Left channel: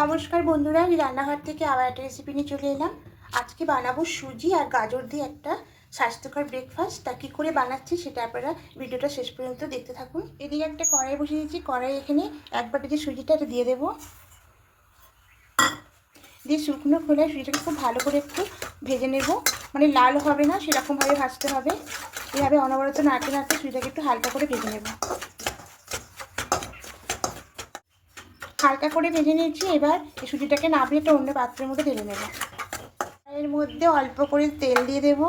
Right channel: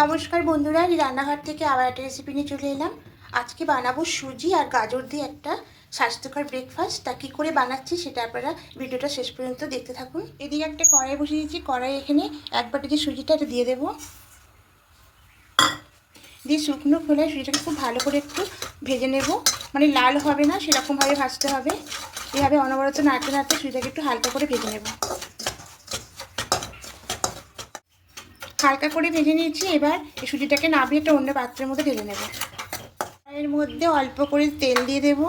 নমস্কার বন্ধুরা আমি রান্নাঘর থেকে আবার একটা রেসিপি নিয়ে চলে এলাম। আজকে বানাবো সুজি আর গাজর দিয়ে একটা স্বাস্থ্যকর ব্রেকফাস্ট তা কী করে বানাচ্ছি সেটা আপনারা ভিডিওটা শেষ পর্যন্ত দেখতে থাকুন। এদিকে একটা কড়াই বসিয়ে দিয়েছি কড়াই এখানে এক বাটি যে সুজিটা, এটা দিয়ে দেবো। দিয়ে শুকনো খোলায় সুজিটাকে খুব ভালো করে একটু ভেজে নেব। মানে লাল হবে না, সেরকমভাবে ভাজতে হবে। এভাবে অনবরত নাড়তে নাড়তে সুজিটাকে একটু হালকা করে ভেজে নেব। হালকা করে ভেজে নিয়েছি, এবার এই সুজিটাকে নামিয়ে একটা অন্য পাত্রের মধ্যে ঢেলে নেব। এর মধ্যে অল্প করে তেল দিয়ে দেব।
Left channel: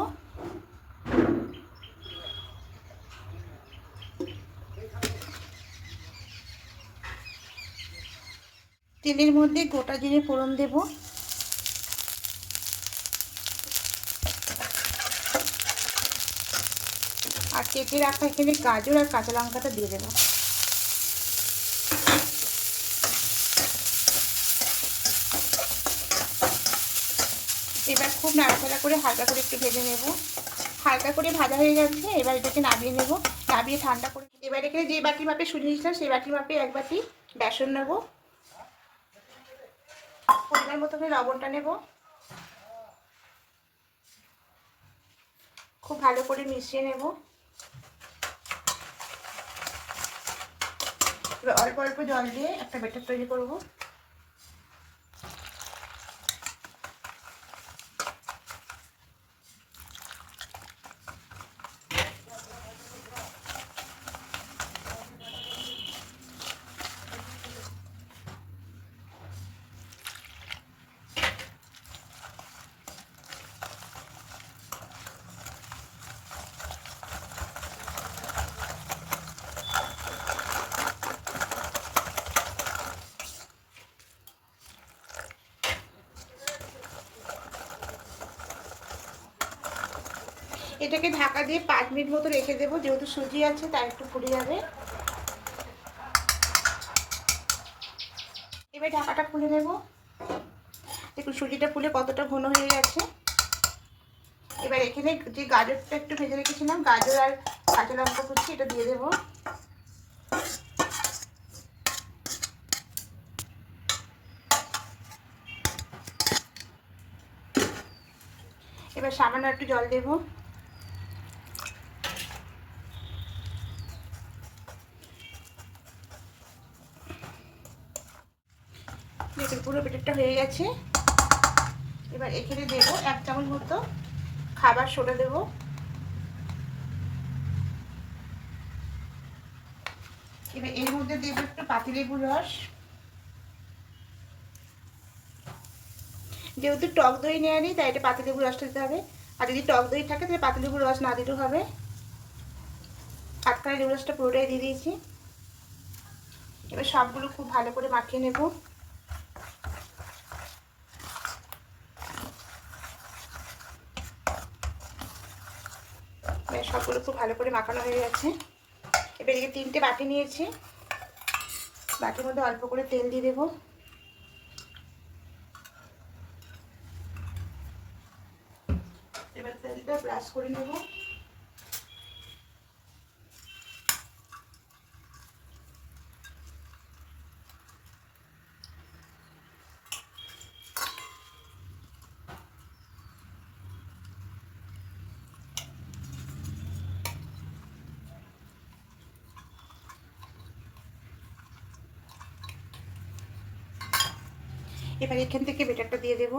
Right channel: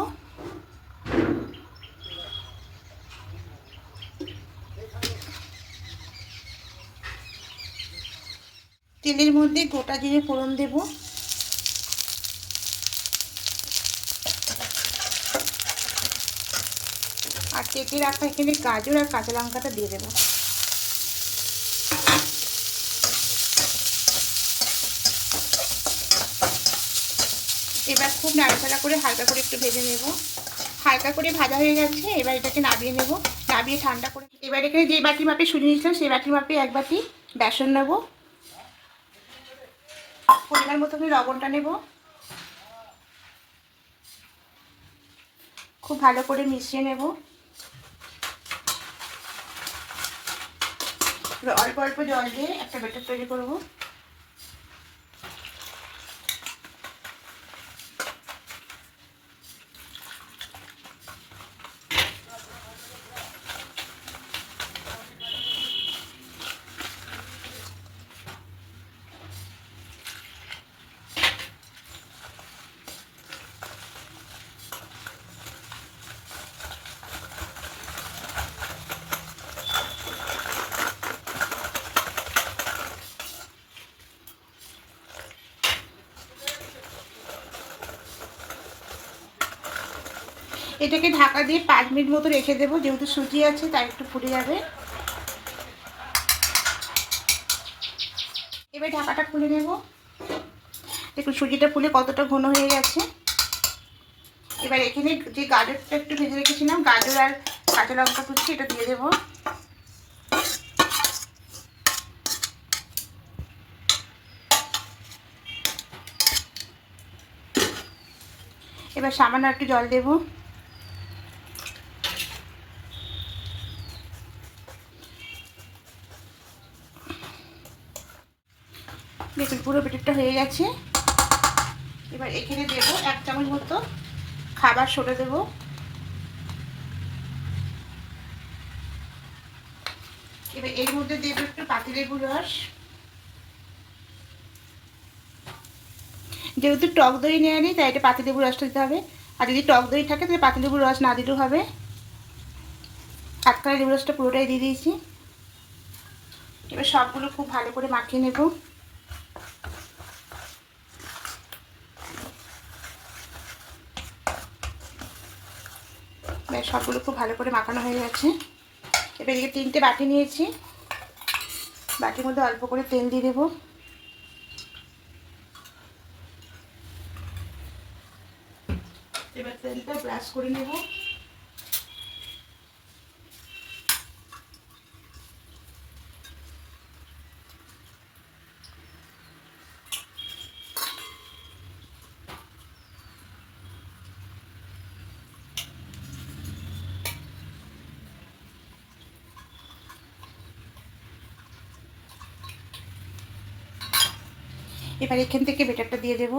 তেলের মধ্যে গোটা জিরে ফোড়ন দেব। আর কেটে রাখা এখানে গাজর আর কাঁচা লঙ্কাটা দিয়ে দেবো এবার খুব নাড়াচাড়া করে হালকা করে একটু ভেজে নেব। হালকা করে ভাজা হয়ে গেছে, এবার এটাকে নাবিয়ে নেব। নাবিয়ে ঠান্ডা করে এবার এখানে যে বাটির মাপে শুনে নিয়েছিলাম, সেই বাটি মাপে এক বাটি বেসন নেব। পরিমাণ মতো করে লবণটা নেব। খুব ভালো করে মিশিয়ে নেব। অল্প অল্প জল দিয়ে একটা বেটার তৈরি করব। এটাকে ঢাকা দিয়ে পাঁচ মিনিট মতো রেখে দেবো। যেহেতু সুজি আছে, তাই একটু ফুটে যাবে। এবার ঢাকাটা খুলে নেব। দেখুন, সুজিটা ফুলে কতটা ঘন হয়ে গেছে। এবার এখানে যে গাজরটা একটু ভেজে রেখেছিলাম, গাজর আর কাঁচা লঙ্কা কুচি, এটা দিয়ে দেবো। এবার সামান্য একটু জল দেবো। পুরো পেটেরটা হয়ে গেছে। এবার এখানে দেবো এক চামচ মতো খাবার সরে দেব। এবার এর মধ্যে দেবো একটু পাতিলেবু রস। যেহেতু টক দই নেওয়া নেই, তাই এটা পাতিলেবু রসটা দিতে হবে। আর যদি টক দই থাকে, তাহলে পাতি পাতিলেবুর রস না দিলেও হবে। আটকালে লেবু রসটা পুরোটাই দিয়ে দিয়েছি। এবার সবগুলো খুব ভালো করে মাখিয়ে নেব। সবগুলো খুব ভালো করে মাখানো হয়ে গেছে। এবার এদিকে তিনটে বাটি নিয়েছি। বাটির মধ্যে অল্প করে তেল দিয়ে দেবো। এবার তেলটা ব্রাশ করে নেব। এবার এখান থেকে বেটারটা দিয়ে দেব।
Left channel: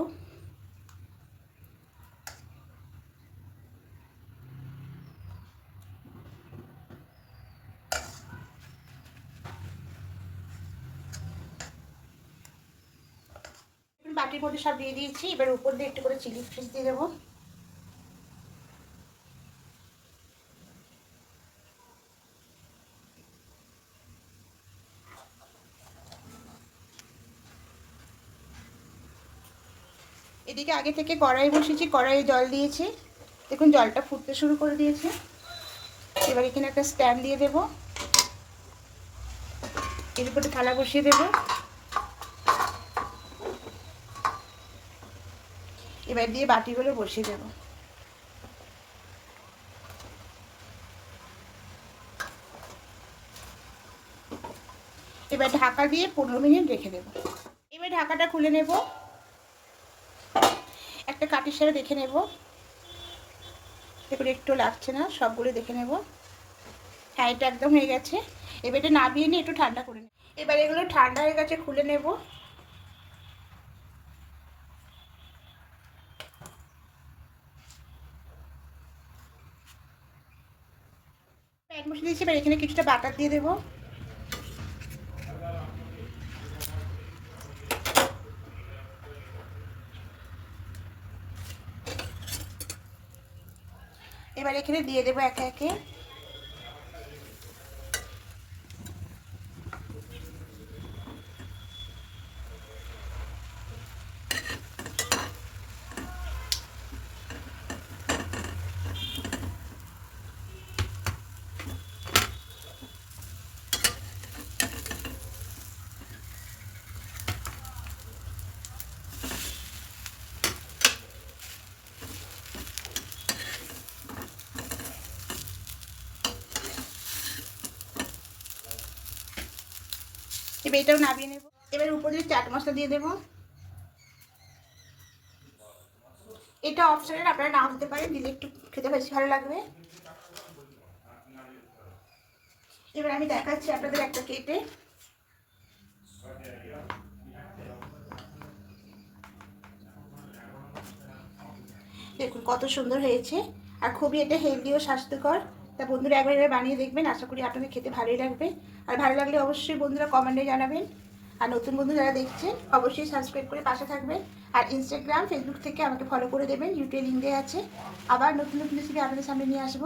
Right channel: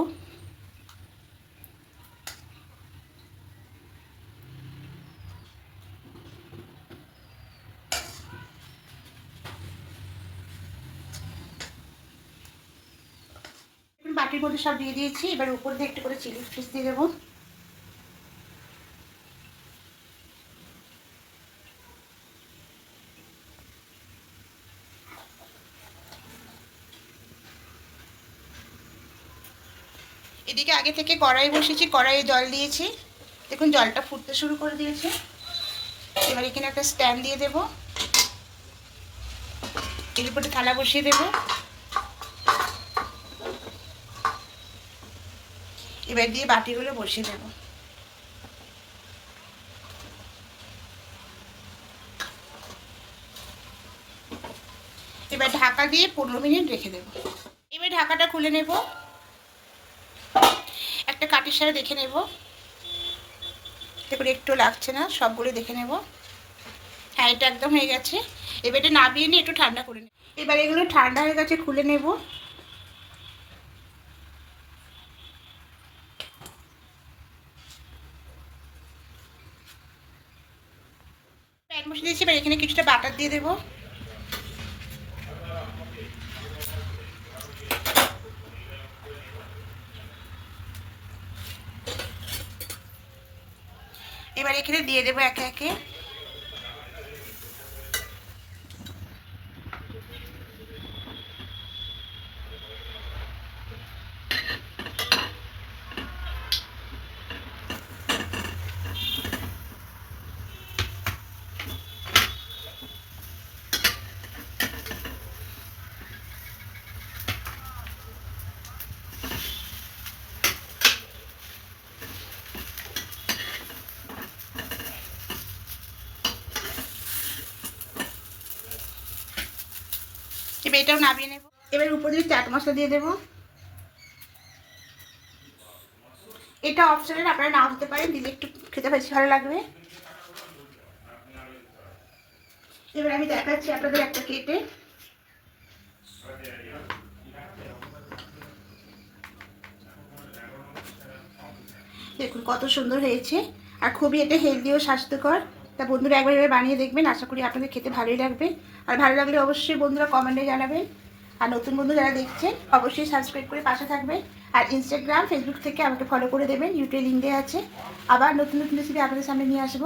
বাটির মধ্যে সব দিয়ে দিয়েছি। এবার উপর দিয়ে একটু করে চিলি ফ্রিজ দিয়ে দেবো। এদিকে আগে থেকে কড়াই বসিয়েছি, কড়াইয়ে জল দিয়েছি। দেখুন, জলটা ফুটতে শুরু করে দিয়েছে। এবার এখানে একটা স্ট্যান্ড দিয়ে দেব। এর উপরে থালা বসিয়ে দেব। এবার দিয়ে বাটিগুলো বসিয়ে দেব। এবার ঢাকা দিয়ে পনেরো মিনিট রেখে দেবো। এবার ঢাকাটা খুলে নেব। একটা কাঠের সাথে দেখে নেব। দেখুন, একটু লাগছে না সবগুলো দেখে নেব। হ্যাঁ এটা একদম হয়ে গেছে। এবার এটা নাবিয়ে নিয়ে একটু ঠান্ডা করে নেব এবার এগুলো ঠান্ডা হয়ে গেছে, খুলে নেব। প্যান মশলা দিয়েছি, এবার এখানে কিছুটা বাটার দিয়ে দেবো। এবার এখানে দিয়ে দেবো একে একে এবার এটাও নামিয়ে নেব। এবার উপর দিয়ে চাট মশলা দিয়ে দেবো। এটা অপশনের আপনারা নাও দিতে পারেন, দিলে একটু খেতে বেশি ভালো লাগবে। এবার আমি দেখাচ্ছি আপনাদের একটা কেটে। দেখুন কত সুন্দর হয়েছে, আর খুবই এটা হেলদি ও স্বাস্থ্যকর। তা বন্ধুরা একবার এবার বানিয়ে দেখবেন, আশা করি আপনাদের খেতে ভালোই লাগবে। আর ভালো লাগলে অবশ্যই বন্ধুরা কমেন্টে জানাবেন। আর নতুন বন্ধু যারা দেখছেন, অবশ্যই সাবস্ক্রাইব করে পাশে থাকবেন। আর ইনস্টাগ্রাম ফেসবুক থেকে আমাকে ফলো করে দেবেন ইউটিউব লিঙ্ক আছে। আবার নতুন নতুন রেসিপি আপনাদের সামনে নিয়ে আসব।